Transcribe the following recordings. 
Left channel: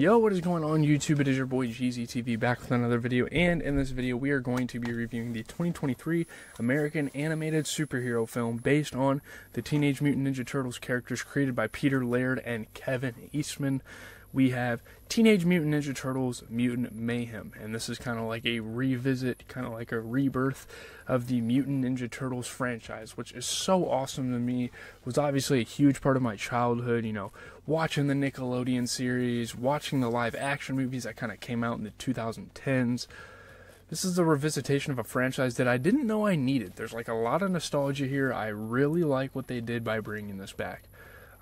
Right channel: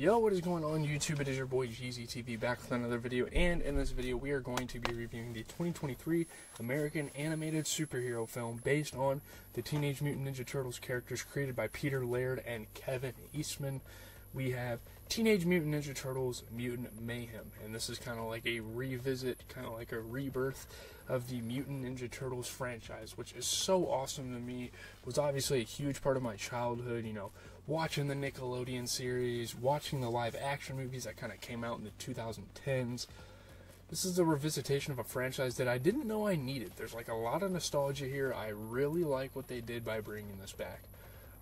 Yo, what is going on YouTube? It is your boy GZTV back with another video, and in this video we are going to be reviewing the 2023 American animated superhero film based on the Teenage Mutant Ninja Turtles characters created by Peter Laird and Kevin Eastman. We have Teenage Mutant Ninja Turtles Mutant Mayhem, and this is kind of like a revisit, kind of like a rebirth of the Mutant Ninja Turtles franchise, which is so awesome to me. It was obviously a huge part of my childhood, you know, watching the Nickelodeon series, watching the live action movies that kind of came out in the 2010s. This is a revisitation of a franchise that I didn't know I needed. There's like a lot of nostalgia here. I really like what they did by bringing this back.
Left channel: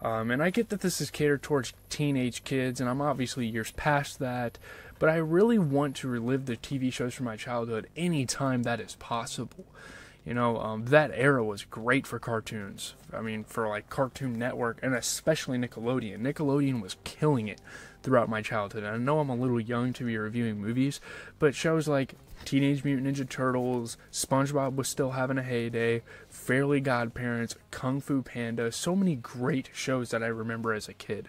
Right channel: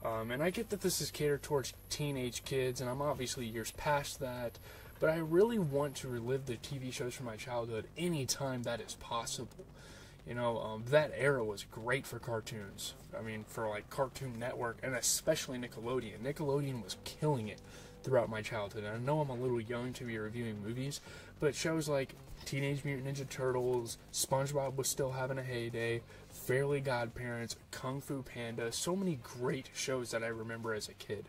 And I get that this is catered towards teenage kids, and I'm obviously years past that, but I really want to relive the TV shows from my childhood anytime that is possible. You know, that era was great for cartoons. I mean, for like Cartoon Network, and especially Nickelodeon. Nickelodeon was killing it throughout my childhood. And I know I'm a little young to be reviewing movies, but shows like Teenage Mutant Ninja Turtles, SpongeBob was still having a heyday, Fairly Godparents, Kung Fu Panda, so many great shows that I remember as a kid.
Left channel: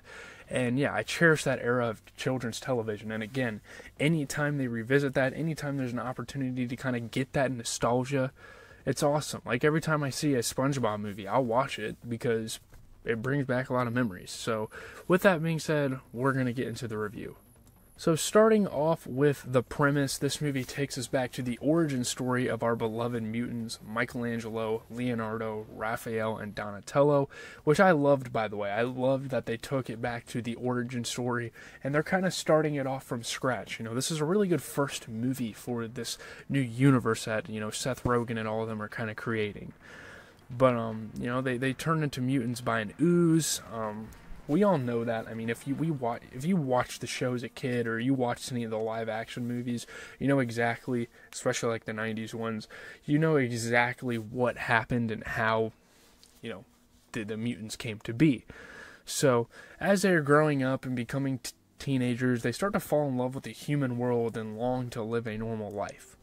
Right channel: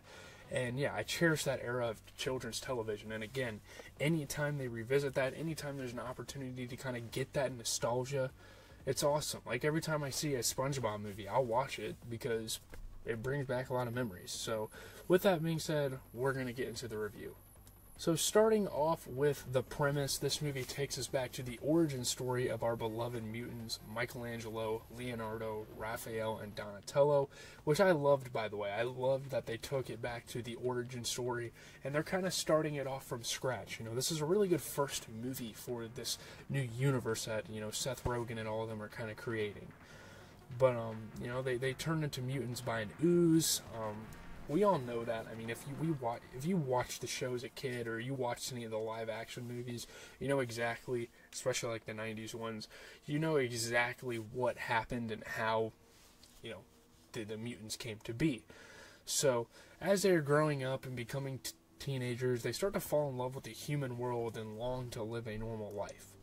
And yeah, I cherish that era of children's television. And again, anytime they revisit that, anytime there's an opportunity to kind of get that nostalgia, it's awesome. Like every time I see a SpongeBob movie, I'll watch it because it brings back a lot of memories. So with that being said, we're going to get into the review. So starting off with the premise, this movie takes us back to the origin story of our beloved mutants, Michelangelo, Leonardo, Raphael, and Donatello, which I loved, by the way. I loved that they took it back to the origin story, and they're kind of starting it off from scratch. You know, this is a really good first movie for this new universe that, you know, Seth Rogen and all of them are kind of creating. But, you know, they turn into mutants by an ooze. We all know that. I mean, if you watched the show as a kid, or you watched any of the live action movies, you know exactly, especially like the 90s ones, you know exactly what happened and how, you know, the mutants came to be. So as they're growing up and becoming teenagers, they start to fall in love with the human world and long to live a normal life,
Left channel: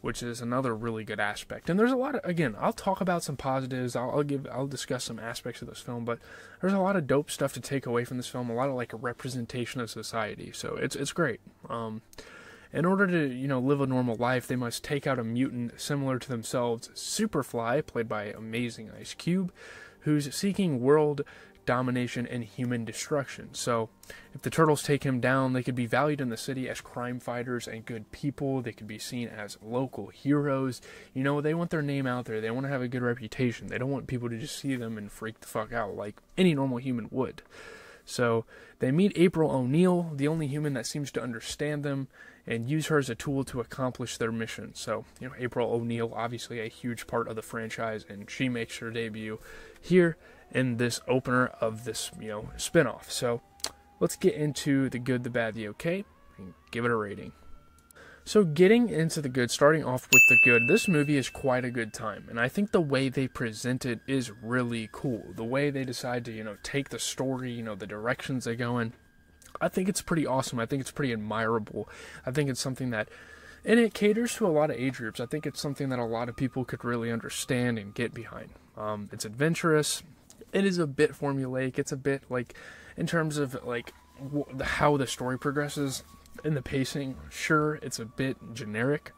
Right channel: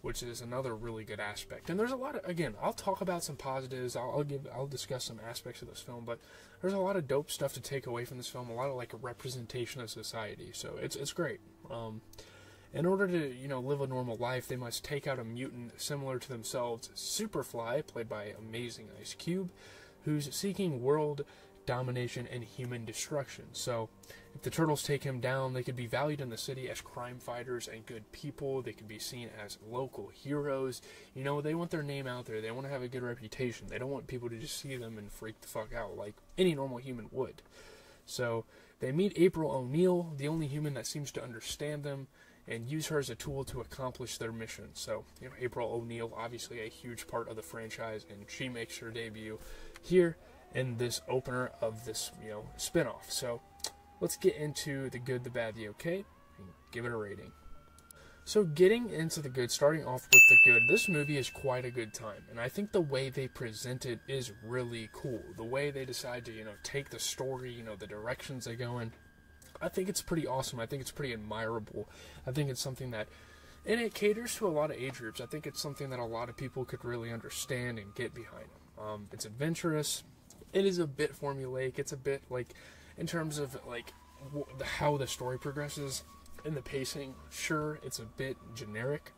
which is another really good aspect. And there's a lot of, again, I'll talk about some positives, I'll discuss some aspects of this film, but there's a lot of dope stuff to take away from this film, a lot of like a representation of society, so it's great. In order to, you know, live a normal life, they must take out a mutant similar to themselves, Superfly, played by amazing Ice Cube, who's seeking world domination and human destruction. So if the Turtles take him down, they could be valued in the city as crime fighters and good people. They could be seen as local heroes. You know, they want their name out there. They want to have a good reputation. They don't want people to just see them and freak the fuck out like any normal human would. So they meet April O'Neil, the only human that seems to understand them, and use her as a tool to accomplish their mission. So, you know, April O'Neil, obviously a huge part of the franchise, and she makes her debut here in this opener of this, you know, spin-off. So let's get into the good, the bad, the okay, and give it a rating. So getting into the good, starting off with the good, this movie is quite a good time, and I think the way they present it is really cool. The way they decide to, you know, take the story, you know, the directions they go in, I think it's pretty awesome. I think it's pretty admirable. I think it's something that, and it caters to a lot of age groups. I think it's something that a lot of people could really understand and get behind. It's adventurous. It is a bit formulaic. It's a bit like, in terms of like how the story progresses and the pacing, sure, it's a bit generic,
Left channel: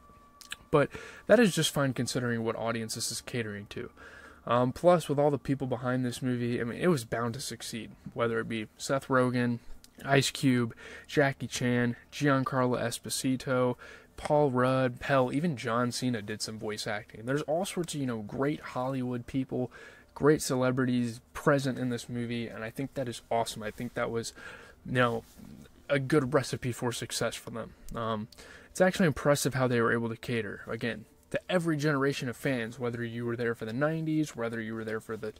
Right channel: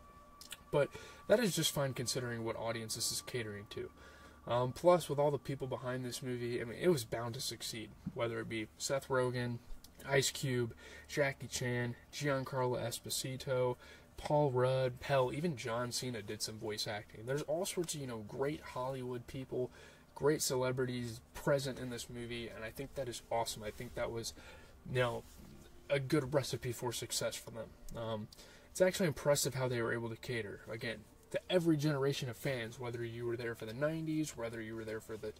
but that is just fine considering what audience this is catering to. Plus, with all the people behind this movie, I mean, it was bound to succeed, whether it be Seth Rogen, Ice Cube, Jackie Chan, Giancarlo Esposito, Paul Rudd, hell, even John Cena did some voice acting. There's all sorts of, you know, great Hollywood people, great celebrities present in this movie, and I think that is awesome. I think that was, you know, a good recipe for success for them. It's actually impressive how they were able to cater, again, to every generation of fans, whether you were there for the 90s, whether you were there for the,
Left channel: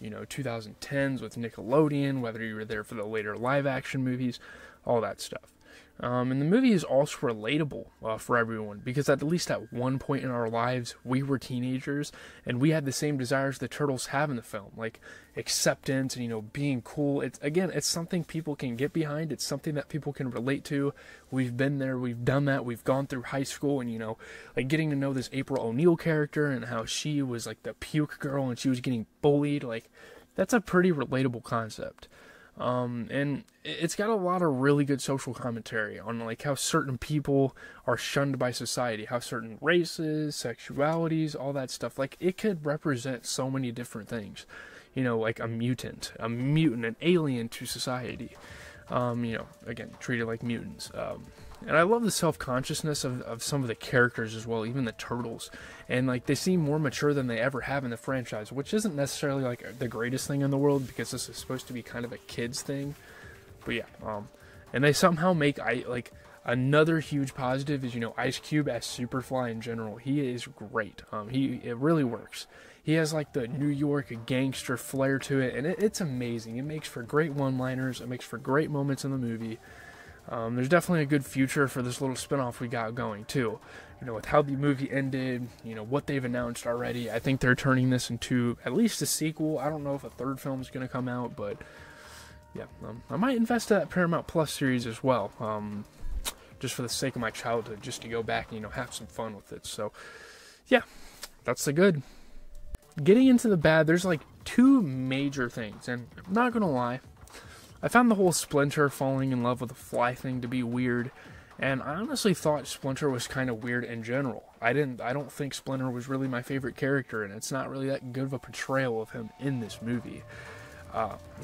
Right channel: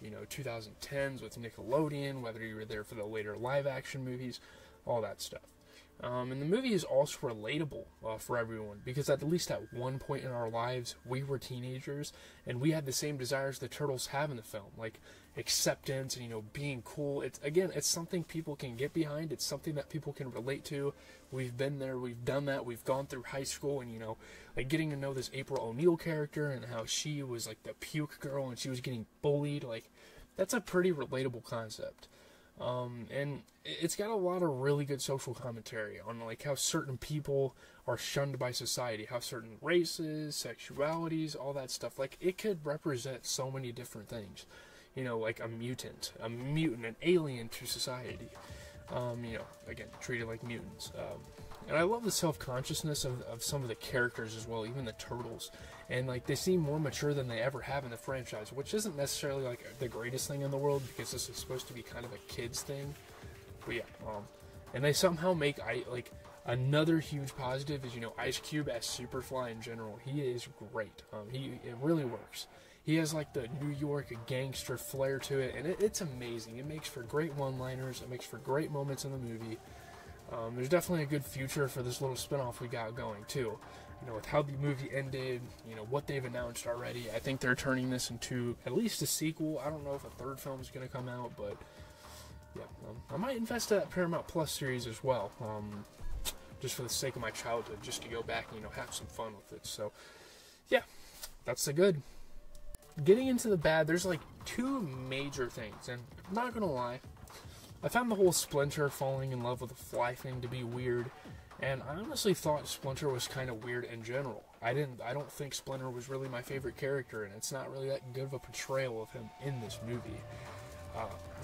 you know, 2010s with Nickelodeon, whether you were there for the later live-action movies, all that stuff. And the movie is also relatable for everyone, because at least at one point in our lives, we were teenagers, and we had the same desires the Turtles have in the film, like acceptance and, you know, being cool. It's something people can get behind. It's something that people can relate to. We've been there, we've done that, we've gone through high school, and, you know, like getting to know this April O'Neil character and how she was like the puke girl and she was getting bullied, like, that's a pretty relatable concept. And it's got a lot of really good social commentary on like how certain people are shunned by society, how certain races, sexualities, all that stuff. Like, it could represent so many different things. You know, like a mutant, an alien to society. You know, again, treated like mutants. And I love the self-consciousness of some of the characters as well, even the turtles. And like, they seem more mature than they ever have in the franchise, which isn't necessarily like the greatest thing in the world, because this is supposed to be kind of a kids thing. But yeah, and they somehow make like another huge positive is, you know, Ice Cube as Superfly in general. He is great. It really works. He has like the New York gangster flair to it, and it's amazing. It makes for great one-liners. It makes for great moments in the movie. There's definitely a good future for this little spinoff we got going too. You know, with how the movie ended, you know, what they've announced already. I think they're turning this into at least a sequel. I don't know if a third film is going to come out, but yeah, I might invest in that Paramount Plus series as well, just for the sake of my childhood, just to go back and, you know, have some fun with it. So yeah, that's the good. Getting into the bad, there's like two major things, and I'm not gonna lie, I found the whole Splinter falling in love with a fly thing to be weird, and I honestly thought Splinter was kind of weird in general. I don't think Splinter was really my favorite character, and it's not really that good of a portrayal of him in this movie.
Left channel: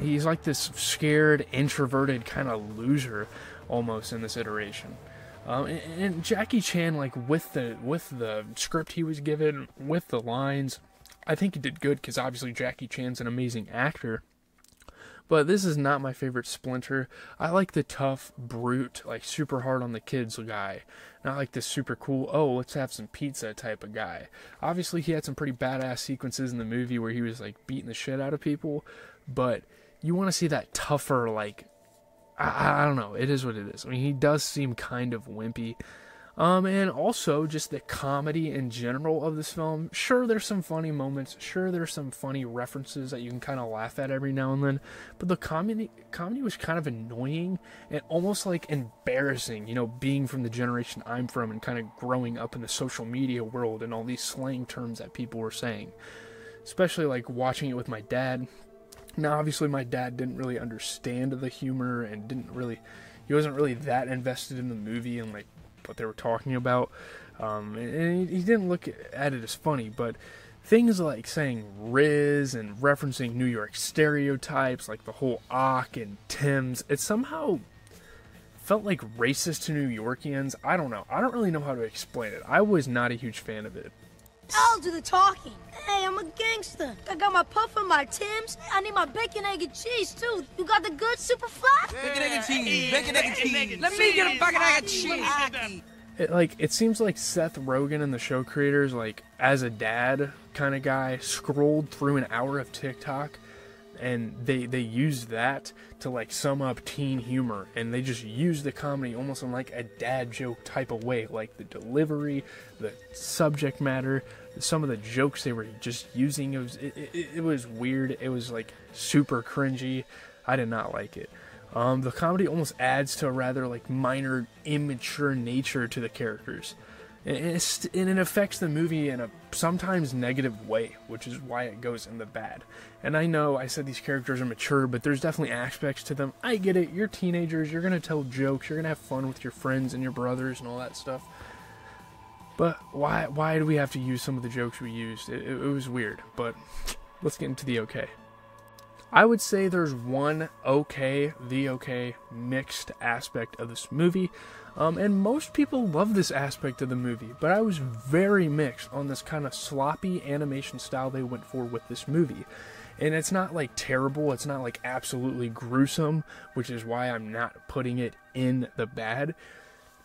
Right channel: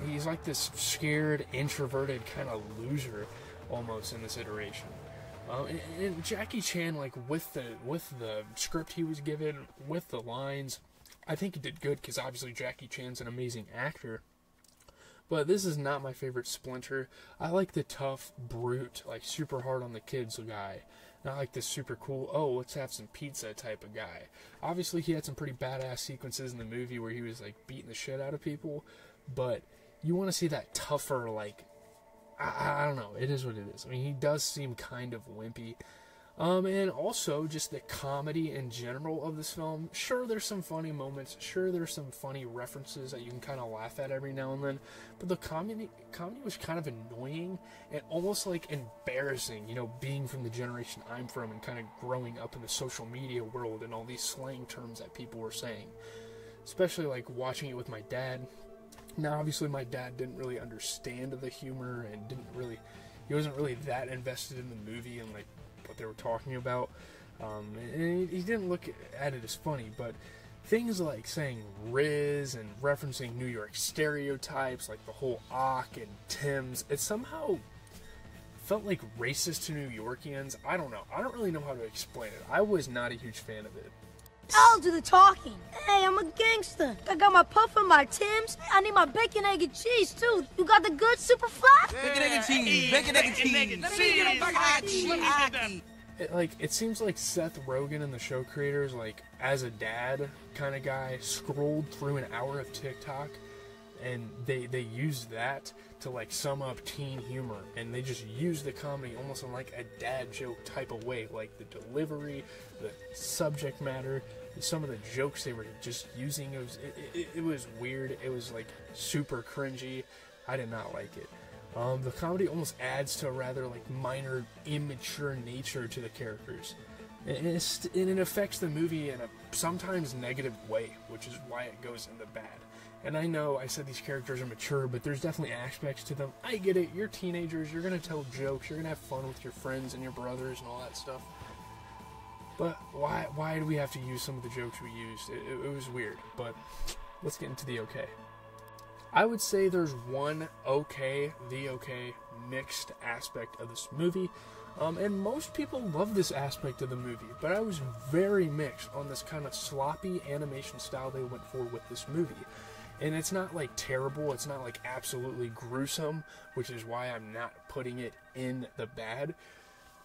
He's like this scared, introverted kind of loser almost in this iteration. And Jackie Chan, like with the script he was given, with the lines, I think he did good, because obviously Jackie Chan's an amazing actor. But this is not my favorite Splinter. I like the tough, brute, like super hard on the kids guy. Not like this super cool, oh, let's have some pizza type of guy. Obviously he had some pretty badass sequences in the movie where he was like beating the shit out of people. But you want to see that tougher, like, I don't know, it is what it is. I mean, he does seem kind of wimpy. And also just the comedy in general of this film. Sure, there's some funny moments. Sure, there's some funny references that you can kind of laugh at every now and then. But the comedy was kind of annoying and almost like embarrassing, you know, being from the generation I'm from and kind of growing up in the social media world and all these slang terms that people were saying. Especially like watching it with my dad. Now, obviously, my dad didn't really understand the humor and he wasn't really that invested in the movie and like what they were talking about, and he didn't look at it as funny, but things like saying Riz and referencing New York stereotypes, like the whole Ock and Tim's, it somehow felt like racist to New Yorkians. I don't know. I don't really know how to explain it. I was not a huge fan of it. I'll do the talking. Hey, I'm a gangster. I got my puff and my Timbs. I need my bacon, egg, and cheese, too. You got the good Superfly? Bacon, egg, and cheese. Bacon, egg, and cheese. Let me get a bacon, egg, and cheese. It seems like Seth Rogen and the show creators, like, as a dad kind of guy, scrolled through an hour of TikTok, and they used that to, like, sum up teen humor, and they just used the comedy almost in, like, a dad joke type of way, like the delivery, the subject matter, some of the jokes they were just using. It was weird. It was, like, super cringy. I did not like it. The comedy almost adds to a rather, like, minor, immature nature to the characters. And it affects the movie in a sometimes negative way, which is why it goes in the bad. And I know I said these characters are mature, but there's definitely aspects to them. I get it. You're teenagers. You're going to tell jokes. You're going to have fun with your friends and your brothers and all that stuff. But why do we have to use some of the jokes we used? It was weird, but let's get into the okay. I would say there's one okay mixed aspect of this movie. And most people love this aspect of the movie, but I was very mixed on this kind of sloppy animation style they went for with this movie. And it's not like terrible, it's not like absolutely gruesome, which is why I'm not putting it in the bad.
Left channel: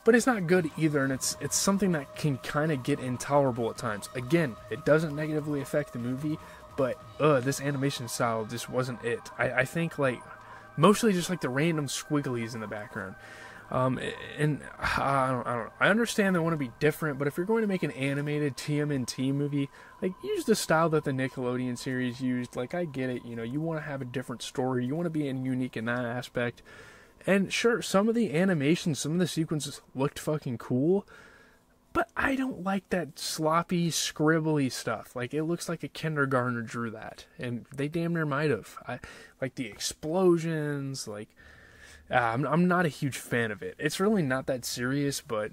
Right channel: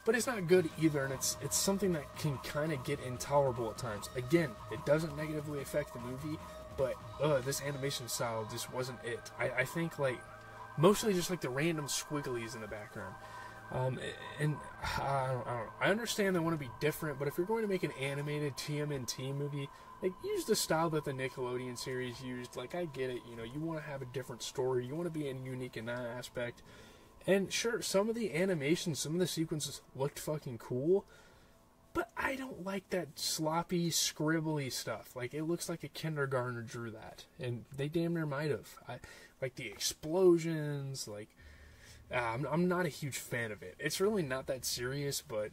But it's not good either, and it's something that can kind of get intolerable at times. Again, it doesn't negatively affect the movie, but this animation style just wasn't it. I think like mostly just like the random squigglies in the background. And I don't know. I understand they want to be different, but if you're going to make an animated TMNT movie, like, use the style that the Nickelodeon series used. Like, I get it, you know, you want to have a different story, you want to be unique in that aspect. And sure, some of the animations, some of the sequences looked fucking cool, But I don't like that sloppy, scribbly stuff. Like, it looks like a kindergartner drew that. And they damn near might have. Like, the explosions, like... I'm not a huge fan of it. It's really not that serious, but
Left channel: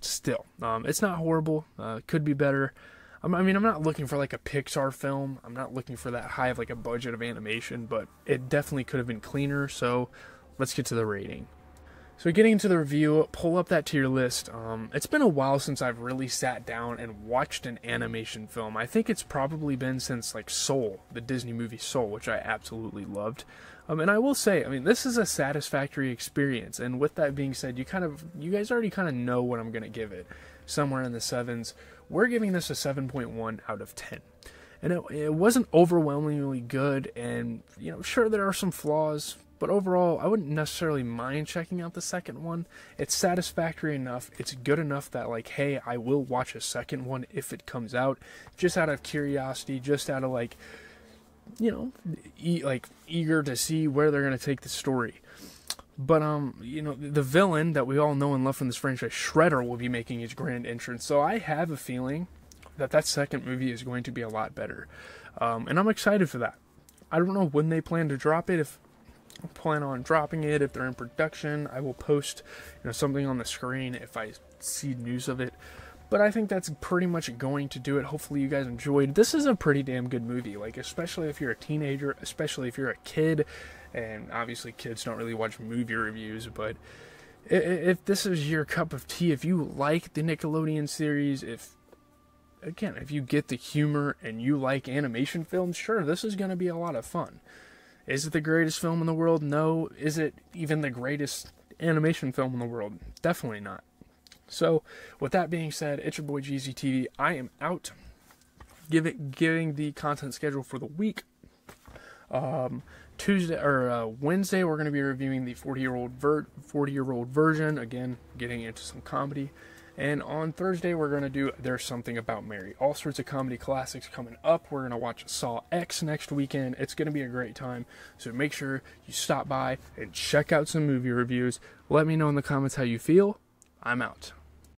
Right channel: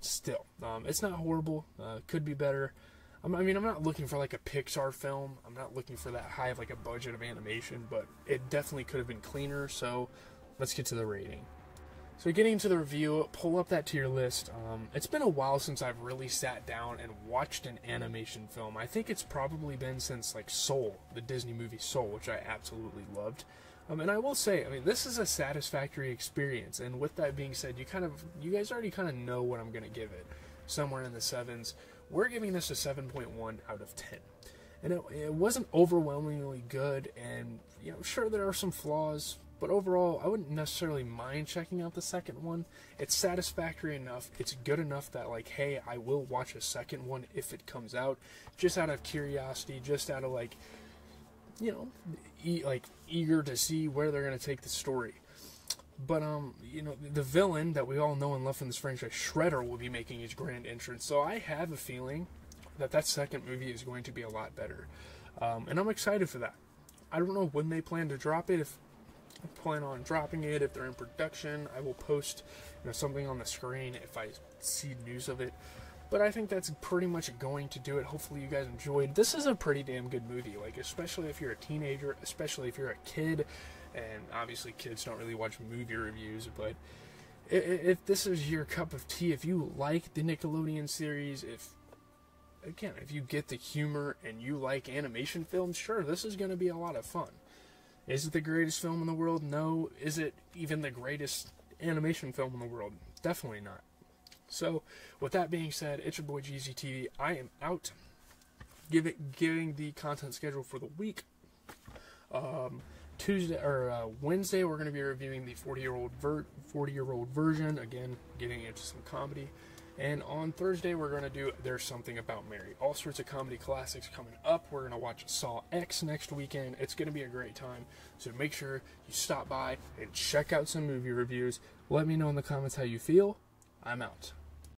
still. It's not horrible. Could be better. I'm not looking for, like, a Pixar film. I'm not looking for that high of, like, a budget of animation, but it definitely could have been cleaner, so let's get to the rating. So getting into the review, pull up that tier list. It's been a while since I've really sat down and watched an animation film. I think it's probably been since, like, Soul, the Disney movie Soul, which I absolutely loved. And I will say, this is a satisfactory experience. And with that being said, you guys already kind of know what I'm going to give it. Somewhere in the 7s. We're giving this a 7.1 out of 10. And it wasn't overwhelmingly good. And, sure, there are some flaws. But overall, I wouldn't necessarily mind checking out the second one. It's satisfactory enough. It's good enough that, like, hey, I will watch a second one if it comes out. Just out of curiosity, just out of, like, eager to see where they're going to take the story. But, the villain that we all know and love from this franchise, Shredder, will be making his grand entrance. So I have a feeling that second movie is going to be a lot better. And I'm excited for that. I don't know when they plan to drop it. If I plan on dropping it, if they're in production, I will post something on the screen if I see news of it. But I think that's pretty much going to do it. Hopefully you guys enjoyed. This is a pretty damn good movie, like, especially if you're a teenager, especially if you're a kid, and obviously kids don't really watch movie reviews, but if this is your cup of tea, if you like the Nickelodeon series, if you get the humor and you like animation films, sure, this is going to be a lot of fun. Is it the greatest film in the world? No. Is it even the greatest animation film in the world? Definitely not. So, with that being said, it's your boy GZTV. I am out. Giving the content schedule for the week. Wednesday, we're going to be reviewing the 40-year-old version. Again, getting into some comedy. And on Thursday, we're going to do There's Something About Mary. All sorts of comedy classics coming up. We're going to watch Saw X next weekend. It's going to be a great time. So make sure you stop by and check out some movie reviews. Let me know in the comments how you feel. I'm out.